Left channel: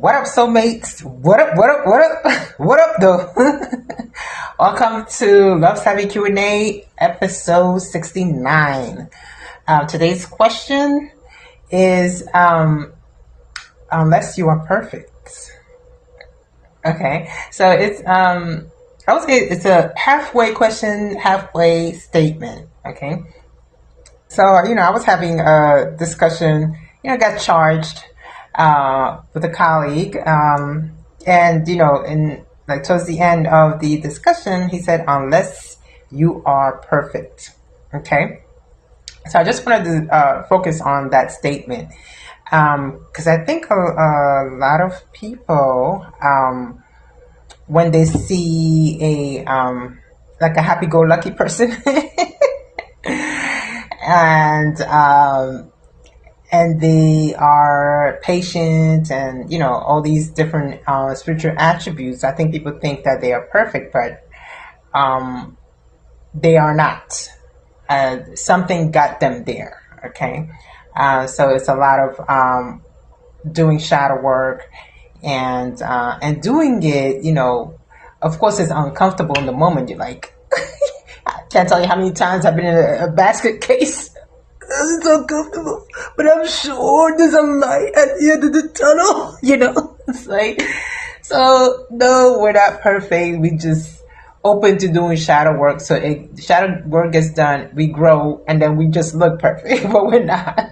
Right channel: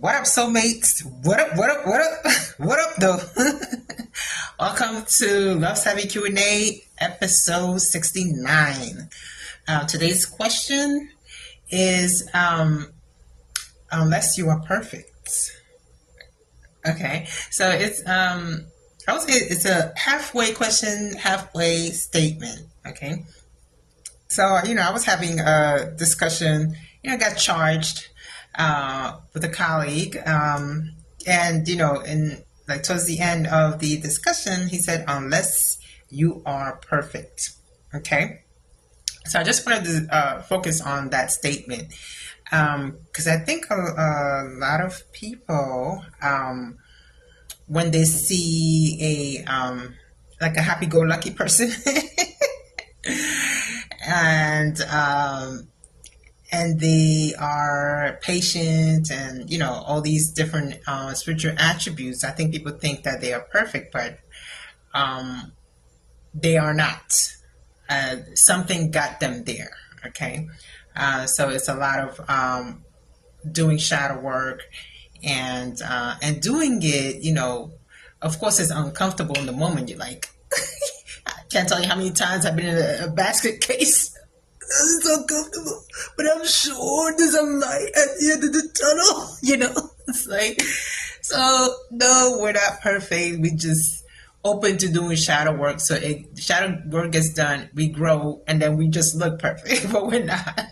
What up, soulmates? What up? What up? What up? What up, though? Welcome to Love Savvy Q&A, episode 69. Today's question is, unless you are perfect. Okay, so I would say it's a halfway question, halfway statement. Okay, so I was having a discussion. Got charged with a colleague, and in like towards the end of the discussion, he said, "Unless you are perfect." Okay, so I just wanted to focus on that statement because I think a lot of people, when they see like a happy-go-lucky person, and they are patient and all these different spiritual attributes, I think people think that they are perfect, but they are not. Something got them there. Okay, so it's a lot of doing shadow work and doing it. Of course, it's uncomfortable in the moment. You're like, I can't tell you how many times I've been in a basket case. It's so comfortable, but I'm sure there's a light at the end of the tunnel. It's like, so no, we're not perfect. We just open to doing shadow work. So shadow work gets done, we grow, and then we just look perfect, but we're not.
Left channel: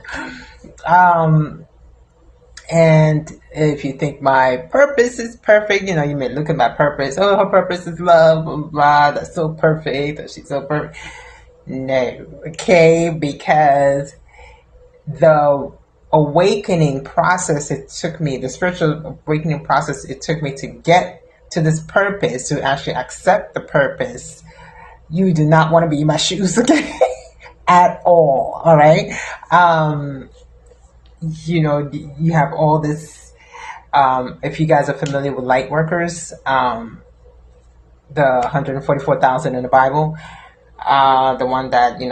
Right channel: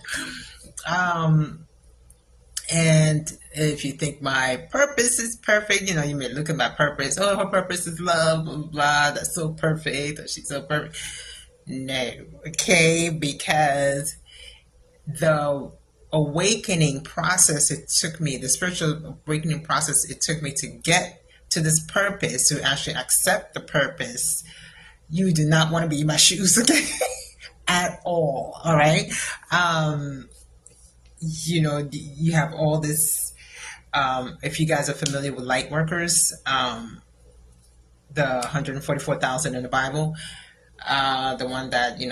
And if you think my purpose is perfect, you may look at my purpose. Oh, her purpose is love, blah, blah, blah. That's so perfect. Or she's so perfect. No, okay, because the awakening process it took me, the spiritual awakening process it took me to get to this purpose, to actually accept the purpose. You do not want to be in my shoes, okay? At all right? You have all this, if you guys are familiar with light workers, the 144,000 in the Bible, the one that the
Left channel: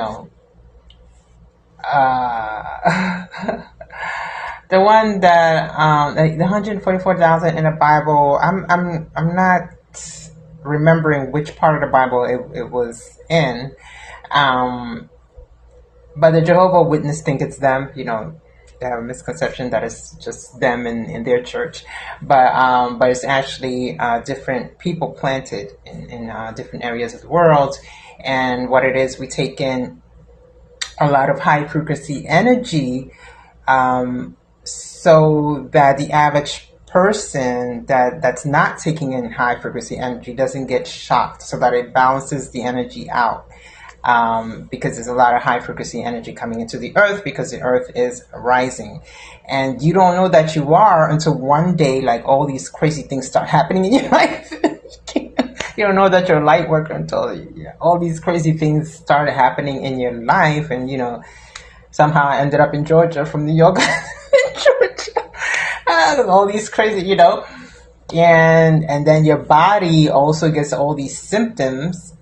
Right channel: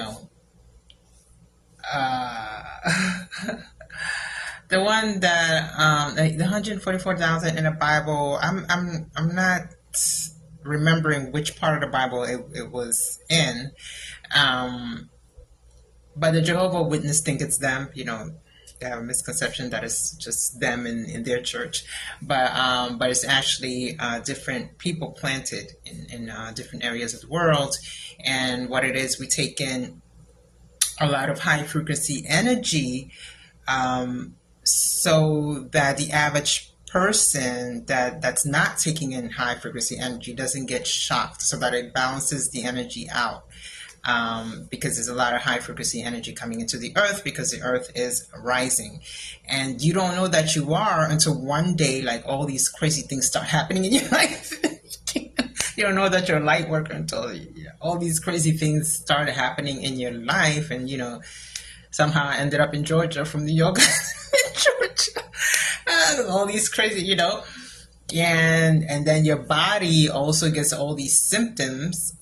one that the 144,000 in the Bible. I'm not remembering which part of the Bible it was in, but the Jehovah Witness think it's them. They have a misconception that it's just them in their church, but it's actually different people planted in different areas of the world. And what it is, we take in a lot of high frequency energy, so that the average person that's not taking in high frequency energy doesn't get shocked, so that it balances the energy out. Because there's a lot of high frequency energy coming into the earth, because the earth is rising, and you don't know that you are until one day, like, all these crazy things start happening in your life. You don't know that you're a light worker until all these crazy things started happening in your life. And somehow I ended up in Georgia from New York. Georgia. All these crazy, and then your body also gets all these symptoms,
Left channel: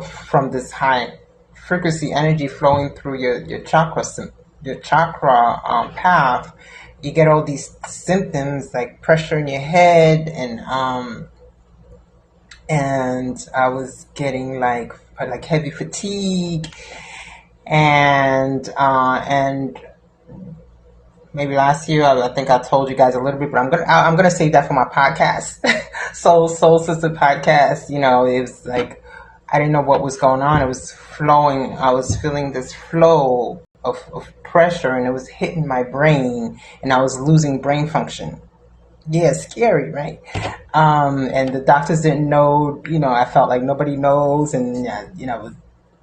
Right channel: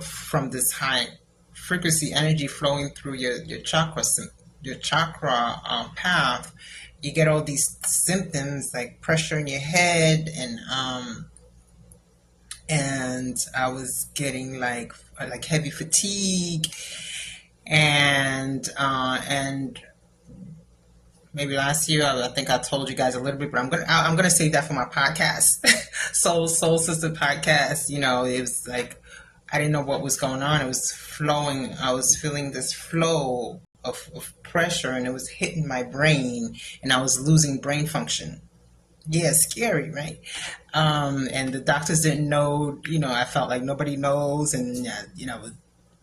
from this high frequency energy flowing through your chakra path. You get all these symptoms like pressure in your head, and I was getting like heavy fatigue, and maybe last year, I think I told you guys a little bit, but I'm gonna save that for my podcast, Soul Sister podcast. It was like, I didn't know what was going on. It was flowing. I was feeling this flow of pressure, and it was hitting my brain, and I was losing brain function. Yeah, scary, right? And the doctors didn't know. I felt like nobody knows, and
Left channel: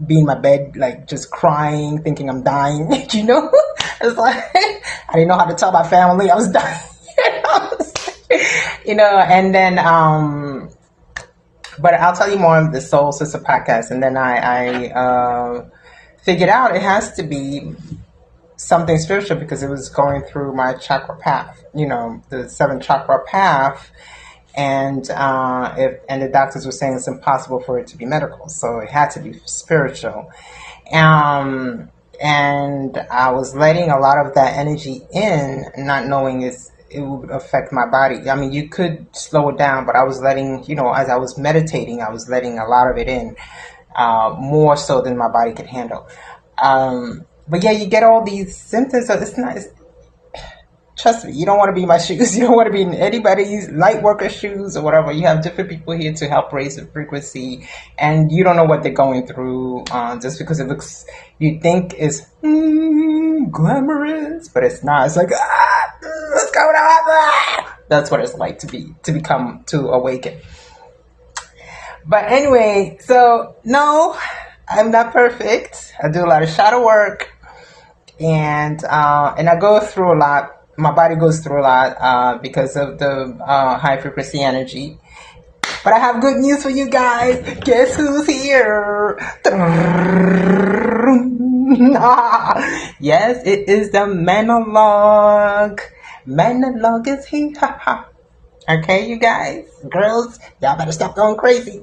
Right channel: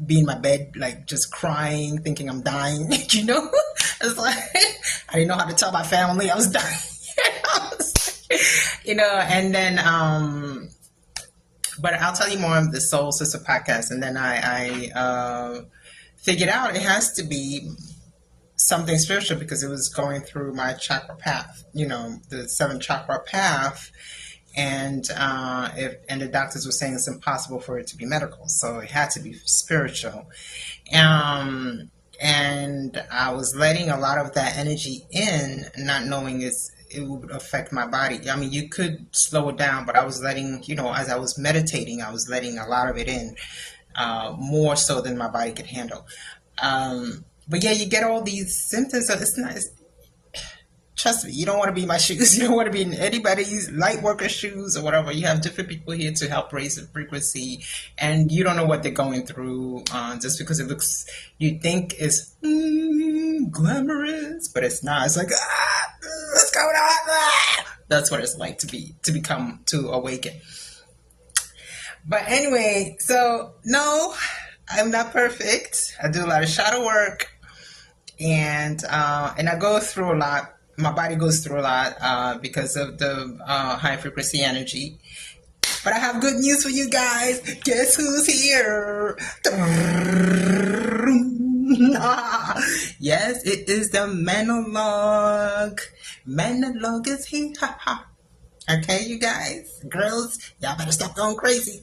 be in my bed, like, just crying, thinking I'm dying. It's like, I didn't know how to tell my family I was dying. And then, but I'll tell you more of the Soul Sister podcast. And then I figured out it has to be something spiritual, because it was going through my chakra path, the 7 chakra path. And the doctors were saying it's impossible for it to be medical, so it had to be spiritual. And I was letting a lot of that energy in, not knowing it would affect my body. I mean, you could slow it down, but I was letting, as I was meditating, I was letting a lot of it in, more so than my body could handle. But yeah, you get all these symptoms. So it's not, trust me, you don't want to be in my shoes. You don't want to be in anybody's light worker shoes or whatever. You have different people here to help raise the frequency, and you don't know what they're going through, just because it looks, you think it's glamorous, but it's not. It's like, what's going on? That's what it's like to awaken. But anyway, so no, I'm not perfect. I do a lot of shadow work, and I go through a lot. My body goes through a lot because of the high frequency energy. But I have good news for you guys. Guess who's here? Yes, it is the monologue. Monologue is here. Okay, you guys, girls, y'all better stop going crazy.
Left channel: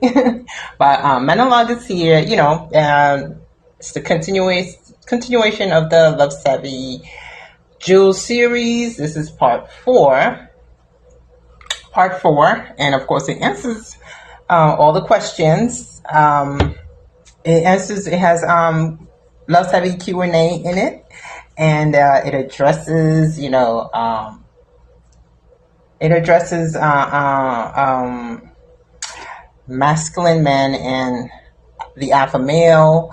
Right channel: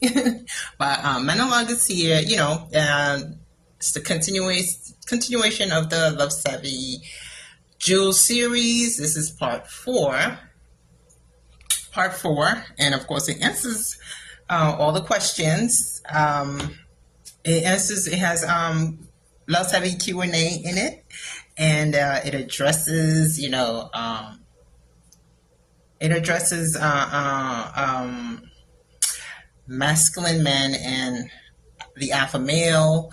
But monologue is here. It's the continuation of the Love Savvy Jewel series. This is part 4. And of course it answers all the questions. It has Love Savvy Q&A in it, and it addresses masculine men and the alpha male,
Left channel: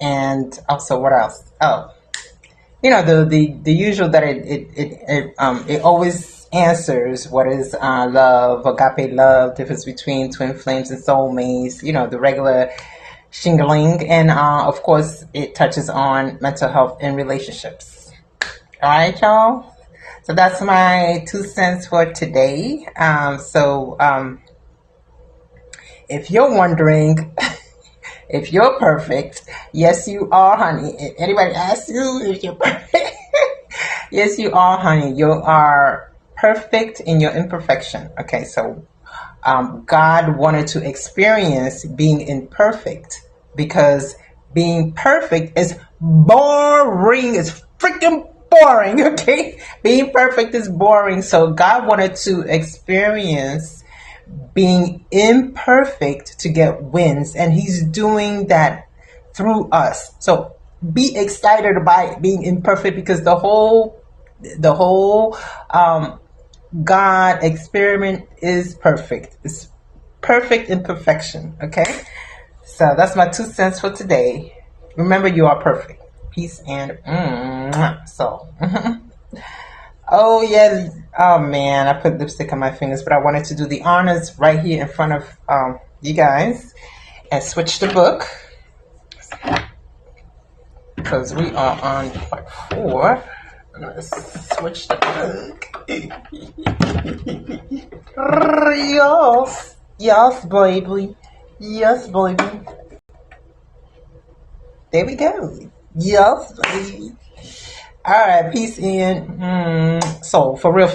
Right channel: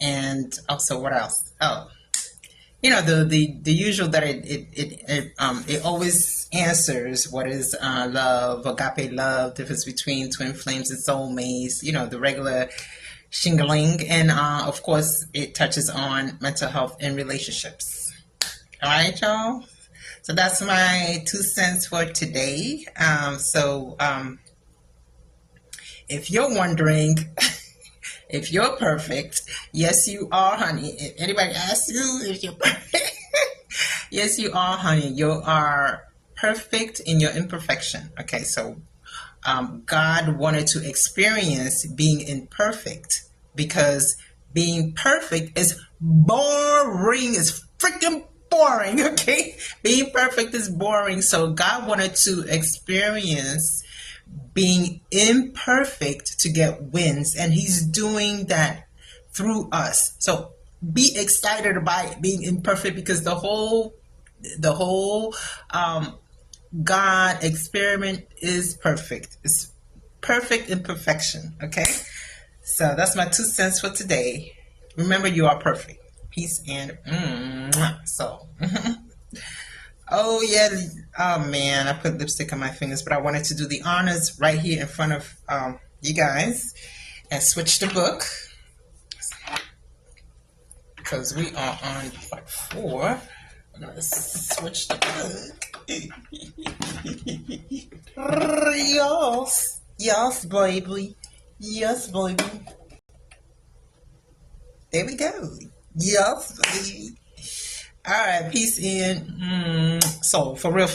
and also what else? The usual that it always answers what is love, agape love, difference between twin flames and soulmates, the regular shingling, and of course it touches on mental health and relationships. All right, y'all. So that's my 2 cents for today. If you're wondering if you're perfect, yes, you are, honey. If anybody asks you if you're perfect, yes, you are, honey. You are perfect in your imperfection. Okay, so God wanted to experience being imperfect, because being perfect is boring. It's freaking boring, okay? Being perfect is boring. So God wanted to experience being imperfect to get wins, and he's doing that through us. So be excited about being imperfect, because the whole God experiment is perfect. It's perfect imperfection. Okay, so that's my 2 cents for today. Remember, you are perfect. Peace and so. Oh yeah, oh man, I put lipstick on my fingers, but I wanted to do the honors right here in front of you guys and switch the book, because we are on part 4. I'm gonna switch the book. Yes, baby. Yes, baby. There we go. Yes, baby. All right, peace in. So for real.